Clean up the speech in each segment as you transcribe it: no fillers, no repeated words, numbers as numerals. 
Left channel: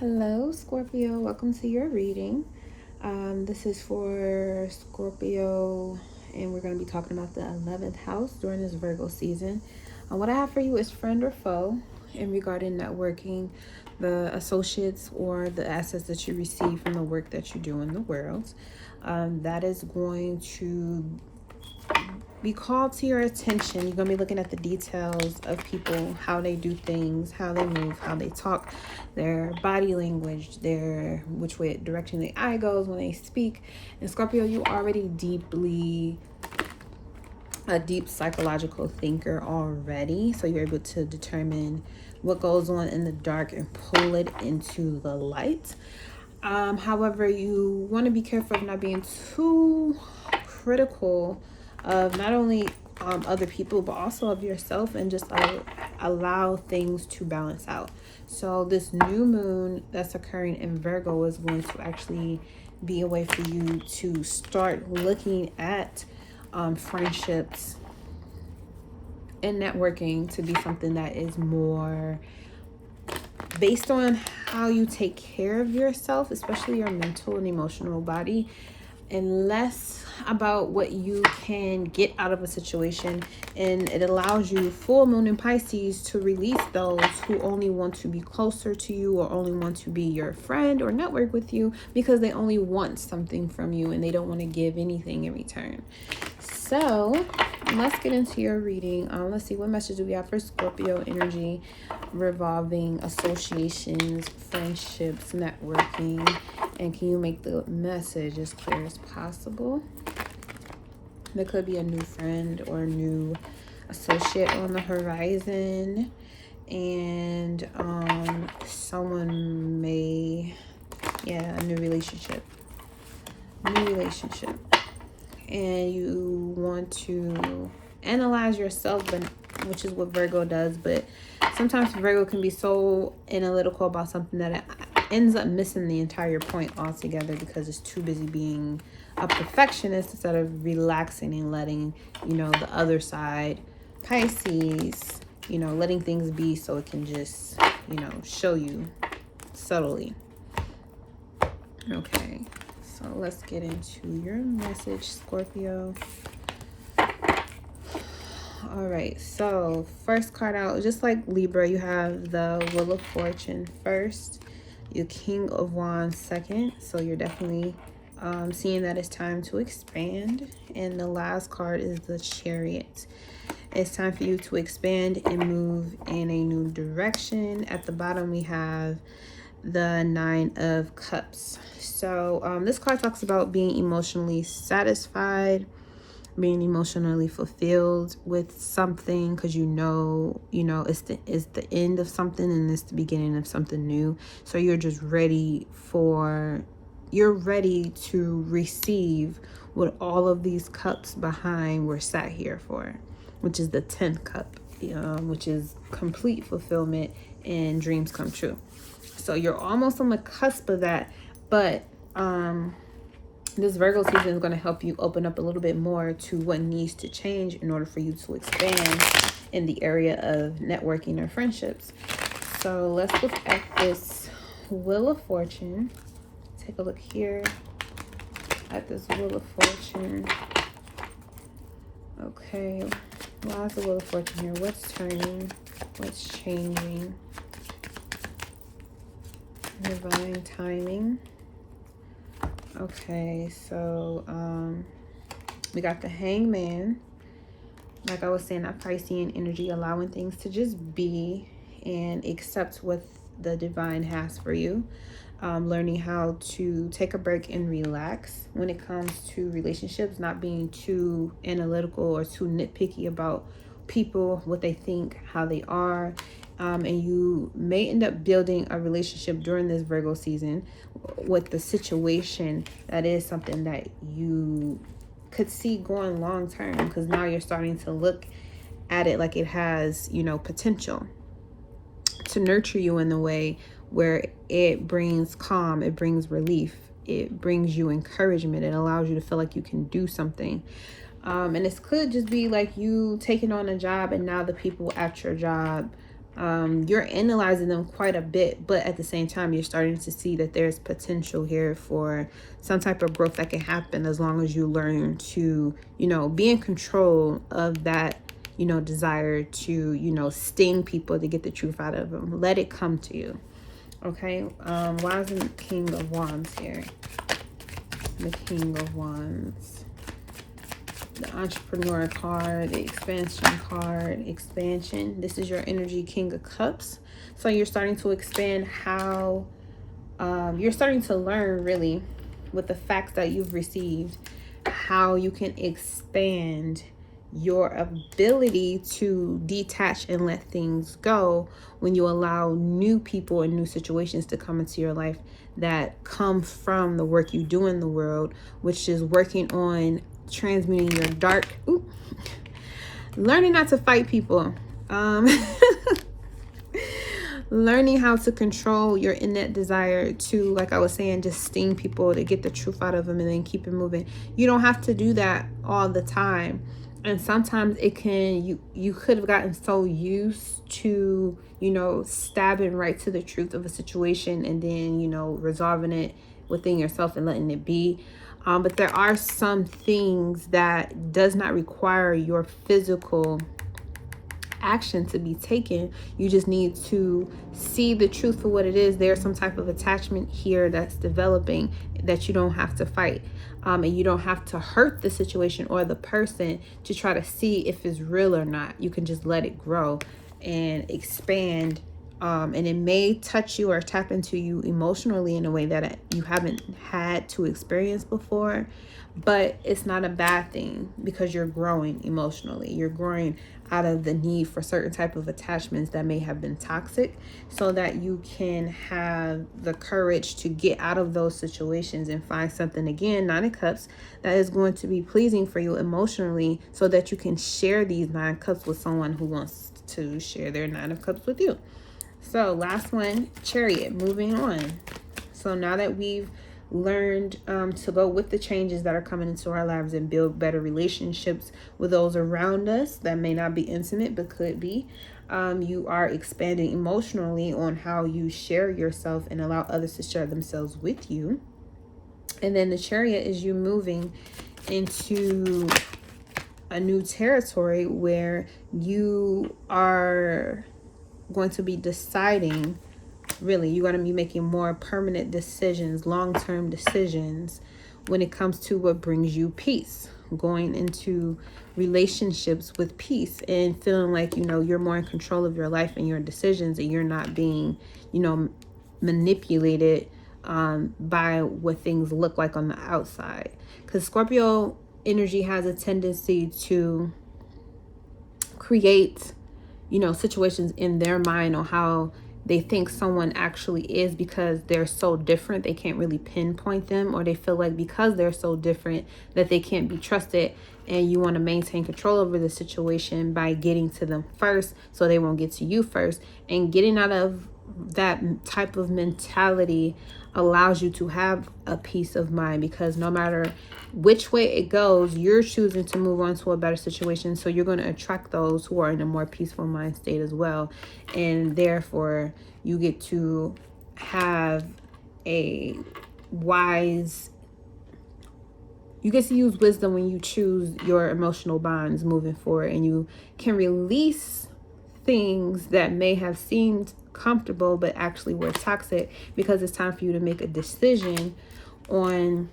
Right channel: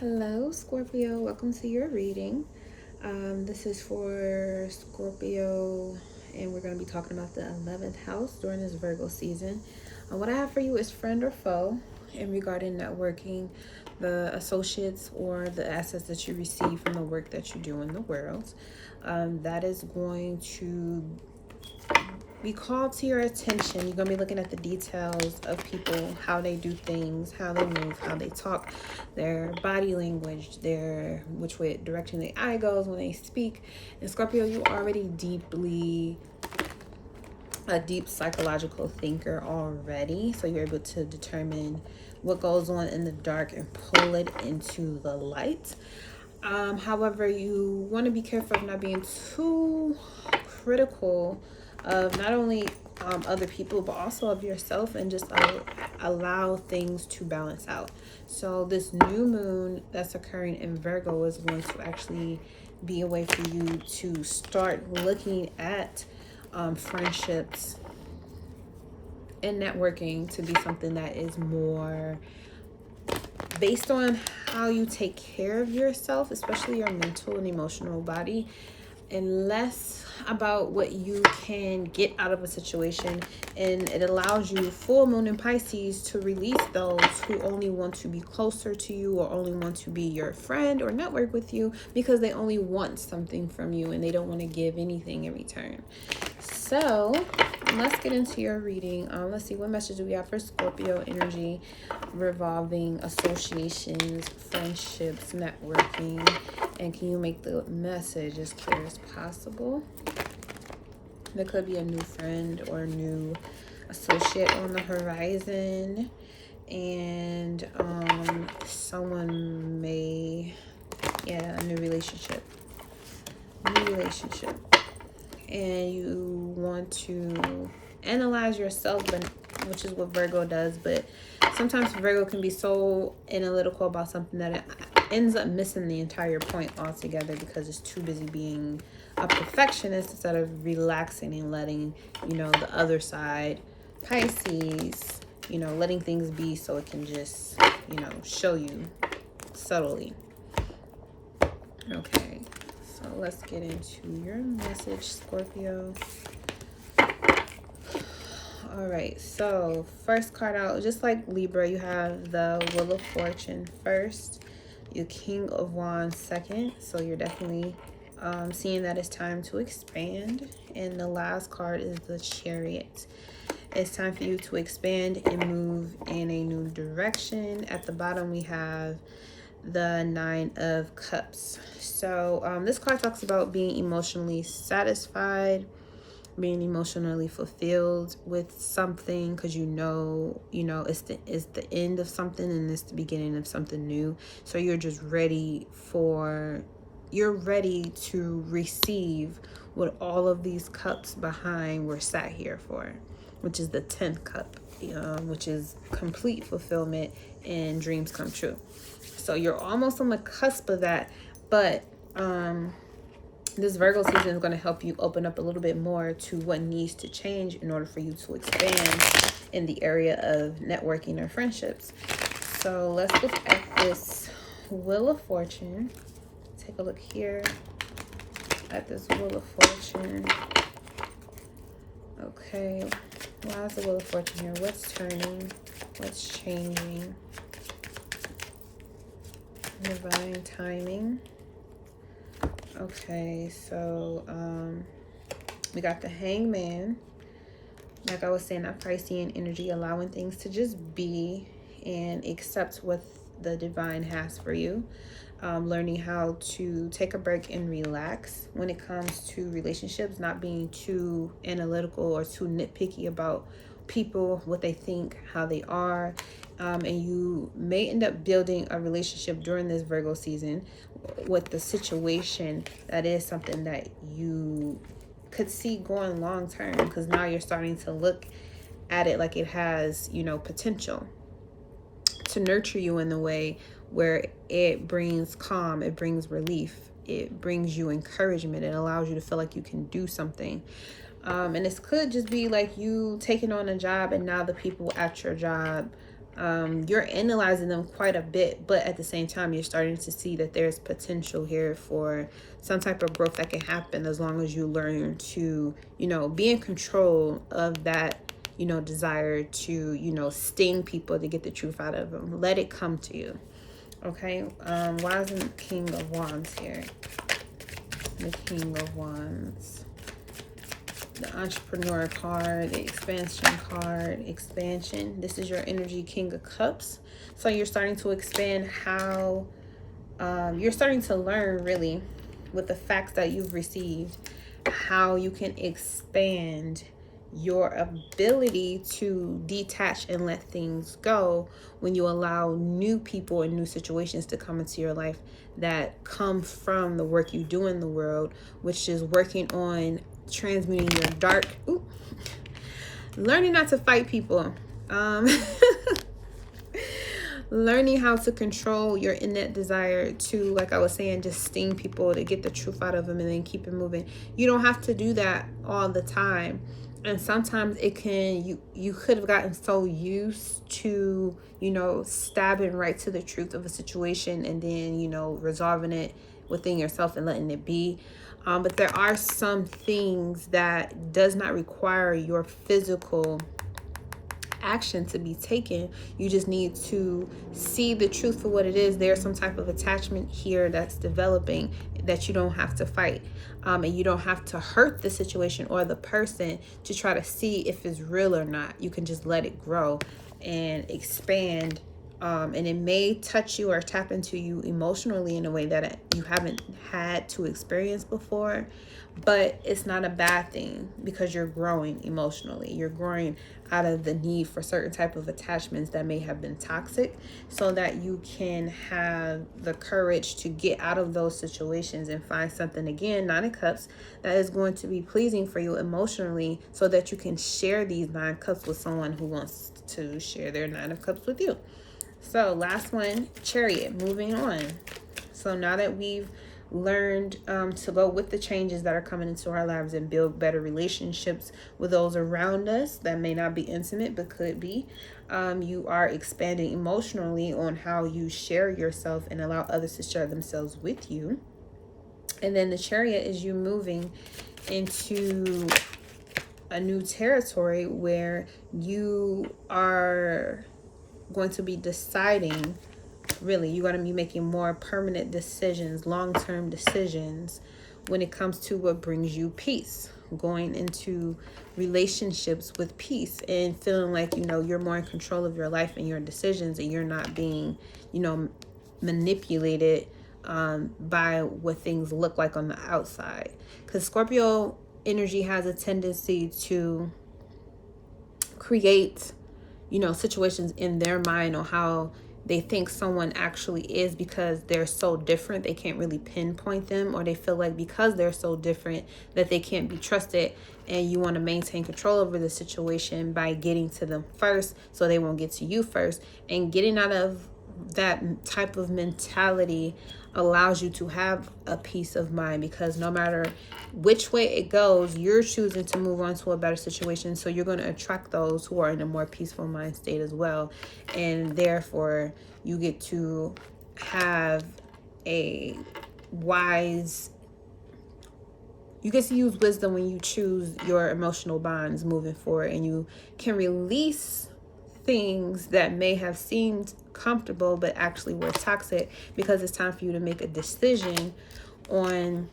Hello, Scorpio. Welcome to your reading. This is for Scorpio, and we're going to be talking about the 11th house during this Virgo season. What I have for you is friend or foe in regarding networking, the associates or the assets that you receive from the work that you do in the world. That is going to be called to your attention. You're going to be looking at the details of people, how they do things, how they move, how they talk, their body language, their which way direction the eye goes when they speak. And Scorpio, you already a deep psychological thinker already, so you're able to determine what goes on in the dark and pull it into the light. However, you want to be careful of not being too critical of not only other people but also of yourself, and just allow things to balance out. So this new moon that's occurring in Virgo is going to actually be a way for you to start looking at friendships and networking to be something that is more based on how you take care of yourself, especially your mental and emotional body, and less about what you can get out of a situation. And it allows you, full moon in Pisces, to release those who only want to be closer to you or only want to be your friend or network with you because they only want something from you and they don't want to give anything in return. So let's get into your reading. Let's see what message we have for Scorpio energy revolving associations, friendships, networking, and can you make the message as clear as possible? There could be a new friend or a new associate on the horizon, and someone may, a new relationship, and you want to analyze yourself, which is what Virgo does. But sometimes Virgo can be so analytical about something that it ends up missing the entire point altogether because it's too busy being a perfectionist instead of relaxing and letting the other side, Pisces, letting things be so it can just show you subtly. Okay, so let's get into your message, Scorpio. All right, so first card out, just like Libra, you have the Wheel of Fortune first, your King of Wands second. So you're definitely seeing that it's time to expand. And the last card is the Chariot. It's time for you to expand and move in a new direction. At the bottom, we have the Nine of Cups. So this card talks about being emotionally satisfied, being emotionally fulfilled with something, because it's the end of something and it's the beginning of something new. So you're just ready to receive what all of these cups behind were sat here for, which is the 10th cup, which is complete fulfillment and dreams come true. So you're almost on the cusp of that, but this Virgo season is going to help you open up a little bit more to what needs to change in order for you to expand in the area of networking or friendships. So let's look at this Wheel of Fortune. Take a look here at this Wheel of Fortune. Okay, why is the Wheel of Fortune here? What's turning? What's changing? Divine timing. Okay, so we got the Hangman. Like I was saying, that Piscean energy, allowing things to just be and accept what the divine has for you. Learning how to take a break and relax when it comes to relationships, not being too analytical or too nitpicky about people, what they think, how they are. And you may end up building a relationship during this Virgo season with the situation that is something that you could see going long term, because now you're starting to look at it like it has, potential to nurture you in the way where it brings calm, it brings relief, it brings you encouragement, it allows you to feel like you can do something. And this could just be like you taking on a job and now the people at your job You're analyzing them quite a bit, but at the same time, you're starting to see that there's potential here for some type of growth that can happen as long as you learn to, be in control of that, desire to, sting people to get the truth out of them. Let it come to you. Okay. Why isn't the King of Wands here? The King of Wands. The Entrepreneur card, the Expansion card, expansion. This is your energy, King of Cups. So you're starting to expand how, you're starting to learn really with the facts that you've received, how you can expand your ability to detach and let things go when you allow new people and new situations to come into your life that come from the work you do in the world, which is working on transmuting your dark, learning not to fight people, learning how to control your innate desire to, like I was saying, just sting people to get the truth out of them and then keep it moving. You don't have to do that all the time. And sometimes it can, you could have gotten so used to, stabbing right to the truth of a situation and then, resolving it within yourself and letting it be. But there are some things that does not require your physical action to be taken. You just need to see the truth for what it is. There's some type of attachment here that's developing that you don't have to fight. And you don't have to hurt the situation or the person to try to see if it's real or not. You can just let it grow and expand. And it may touch you or tap into you emotionally in a way that you haven't had to experience before. But it's not a bad thing because you're growing emotionally. You're growing out of the need for certain type of attachments that may have been toxic, so that you can have the courage to get out of those situations and find something, again, 9 of Cups, that is going to be pleasing for you emotionally, so that you can share these 9 Cups with someone who wants to share their 9 of Cups with you. So last one, Chariot, moving on. So now that we've learned to go with the changes that are coming into our lives and build better relationships with those around us that may not be intimate but could be, you are expanding emotionally on how you share yourself and allow others to share themselves with you. And then the Chariot is you moving into a new territory where you are going to be deciding. Really, you're going to be making more permanent decisions, long-term decisions when it comes to what brings you peace. Going into relationships with peace and feeling like, you're more in control of your life and your decisions, and you're not being, manipulated by what things look like on the outside. Because Scorpio energy has a tendency to create, situations in their mind on how they think someone actually is, because they're so different they can't really pinpoint them, or they feel like because they're so different that they can't be trusted, and you want to maintain control over the situation by getting to them first so they won't get to you first. And getting out of that type of mentality allows you to have a peace of mind, because no matter which way it goes, you're choosing to move on to a better situation. So you're going to attract those who are in a more peaceful mind state as well. And therefore, you get to have a wise, you get to use wisdom when you choose your emotional bonds moving forward. And you can release things that may have seemed comfortable but actually were toxic, because it's time for you to make a decision on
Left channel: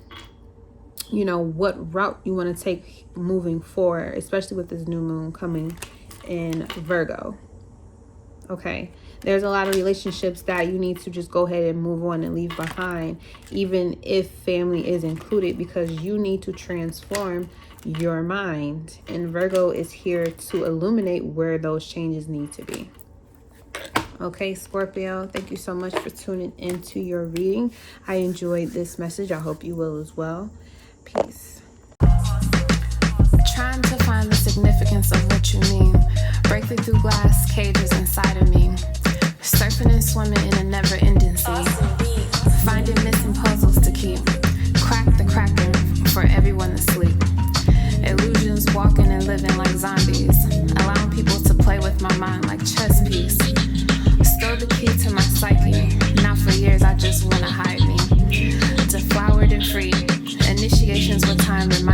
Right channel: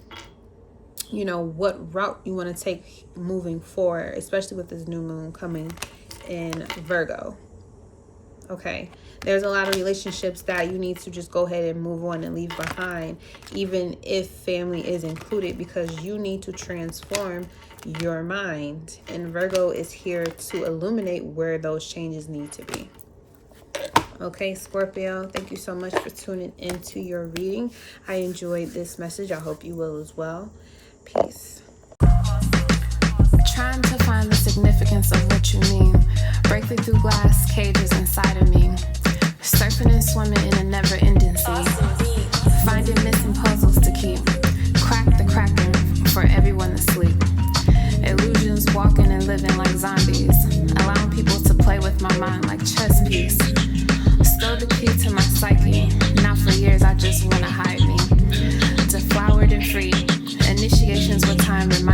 what route you want to take moving forward, especially with this new moon coming in Virgo. Okay, there's a lot of relationships that you need to just go ahead and move on and leave behind, even if family is included, because you need to transform your mind. And Virgo is here to illuminate where those changes need to be. Okay, Scorpio, thank you so much for tuning into your reading. I enjoyed this message. I hope you will as well. Peace. Trying to find the significance of what you mean. Breaking through glass cages inside of me. Surfing and swimming in a never-ending sea. Finding missing puzzles to keep. Crack the cracking for everyone to sleep. Illusions walking and living like zombies. Allowing people to play with my mind like chess piece. time, reminding